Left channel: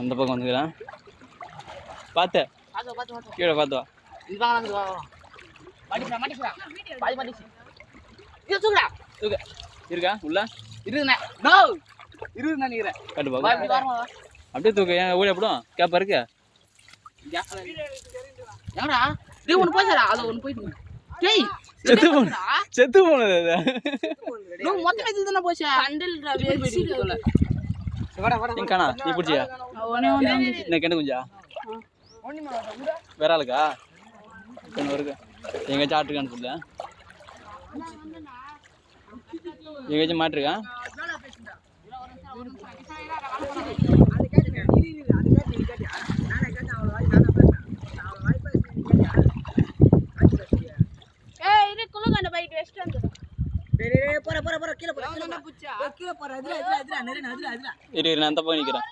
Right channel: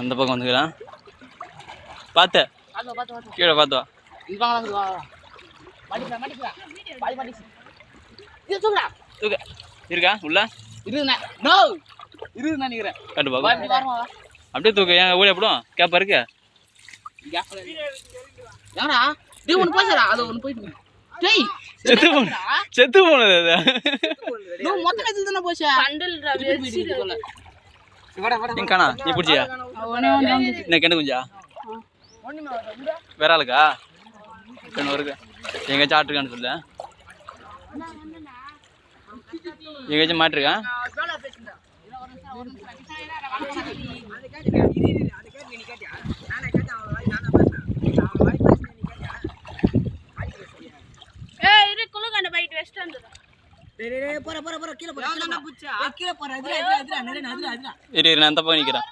அந்த பக்கம் வந்துக்கலாம். பார்த்து கீழே பார்த்து வா. இருக்கா உள்ள கண்டு பாக்க அப்படியே தூக்கு. ஏன் ஓடி அப்படியும் கேப்பா இருக்கு. செத்து போனது காணா. நீ பிடிச்சியா என்ன கெண்டு குஞ்சா வேற ஆளுக்கா இருக்கு. எங்கேயாச்சும் ஆட்டுருக்கான்னு சொல்ல. எங்கேயாச்சும் மாட்டிருக்கேன். நான் அந்த பக்கம் நிக்கிறேன்.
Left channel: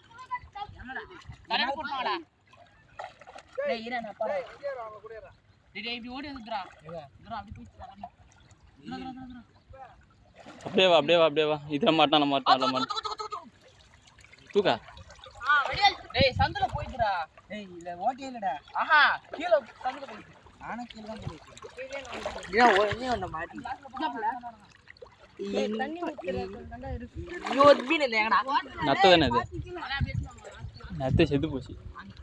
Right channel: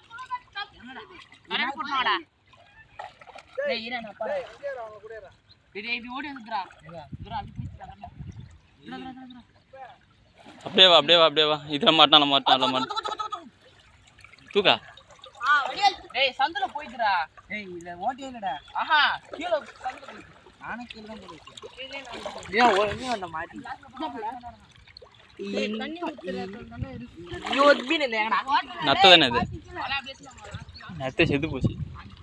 அப்படியே வா அப்படியே வா அப்படியே வா. இதில் மாட்டான் தூக்கா. டேய் சந்தல போயிடுடா. டேய் இல்ல ஓட்டே இல்லடா. ஆஹா கீழ சந்தல போயிடு. நானே கீழ தான் போறேன். ஏன் ஓனே வந்த மாட்டி. டேய் தண்ணி ஊத்துறல நல்லா இருக்கு. யோத் மீன் இல்லங்கடா. நத்த தானே இது. நத்த செத்து போச்சு.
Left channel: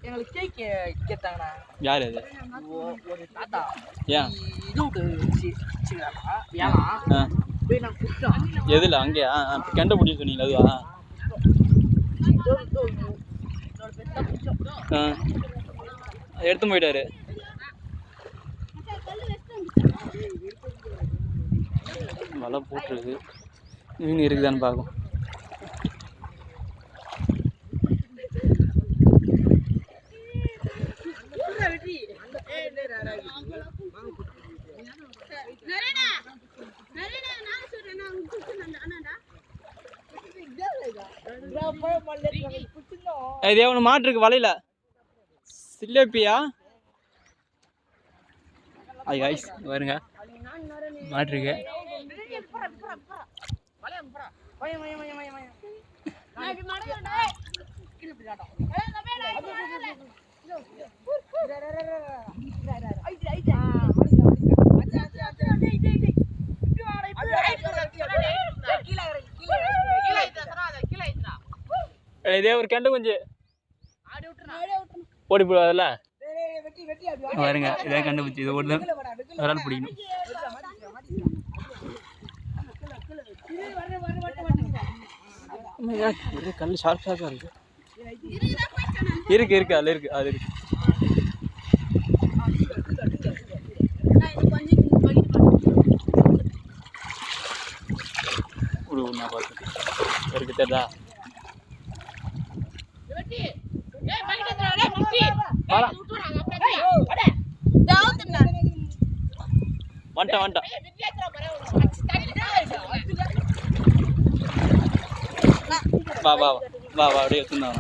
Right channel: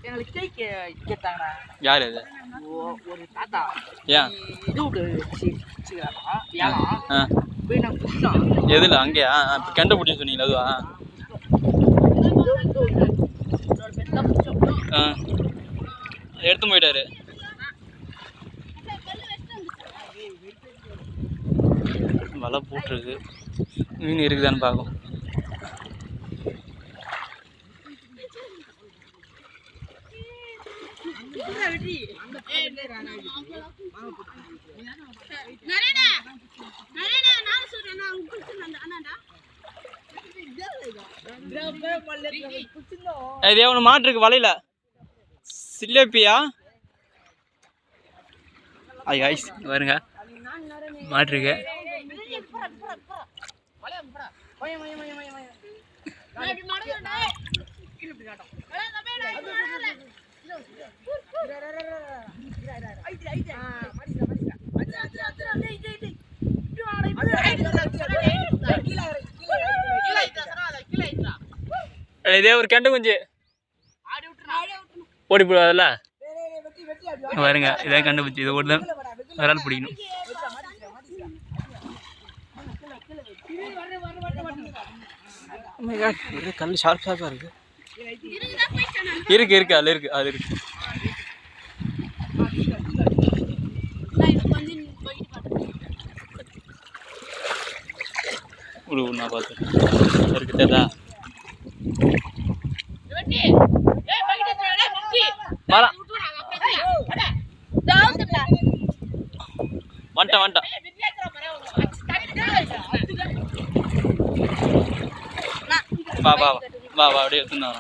எங்களுக்கு கேக் கேட்டாங்கடா. யார் அது? ஒரு தாத்தா. ஏன் இது சிச்சிடா. ஏமா போய் நான் குடிச்சேன். எதுல அங்கயா கண்டுபிடிச்சு சொன்னீங்களா அதுவா? எடுத்து போயிட்டாரு. வலை போட்டுருக்கு. மீன் இருக்குதான்னு பார்க்கும். இதே ஒன்று மாட்டு இருக்கு வலையில. சிலேப்பியா ஐஸ் வருங்க மாட்டிருக்கு. இதே ஒரு கெண்டு குஞ்சு ஓடி போடுவாதுல்ல வருங்க. இதான் கண்டுபிடிச்சி இதை ஓடி தான் விரால் பிடிக்கணும். கல் ஷார்ப்பா இருக்கு. இருக்கு அதுல இருக்கு அது இருக்கு. நான் பார்த்தேன் இருக்குதா வந்துட்டான். வா வா வா வா அப்படியே எடுத்துருந்தான்.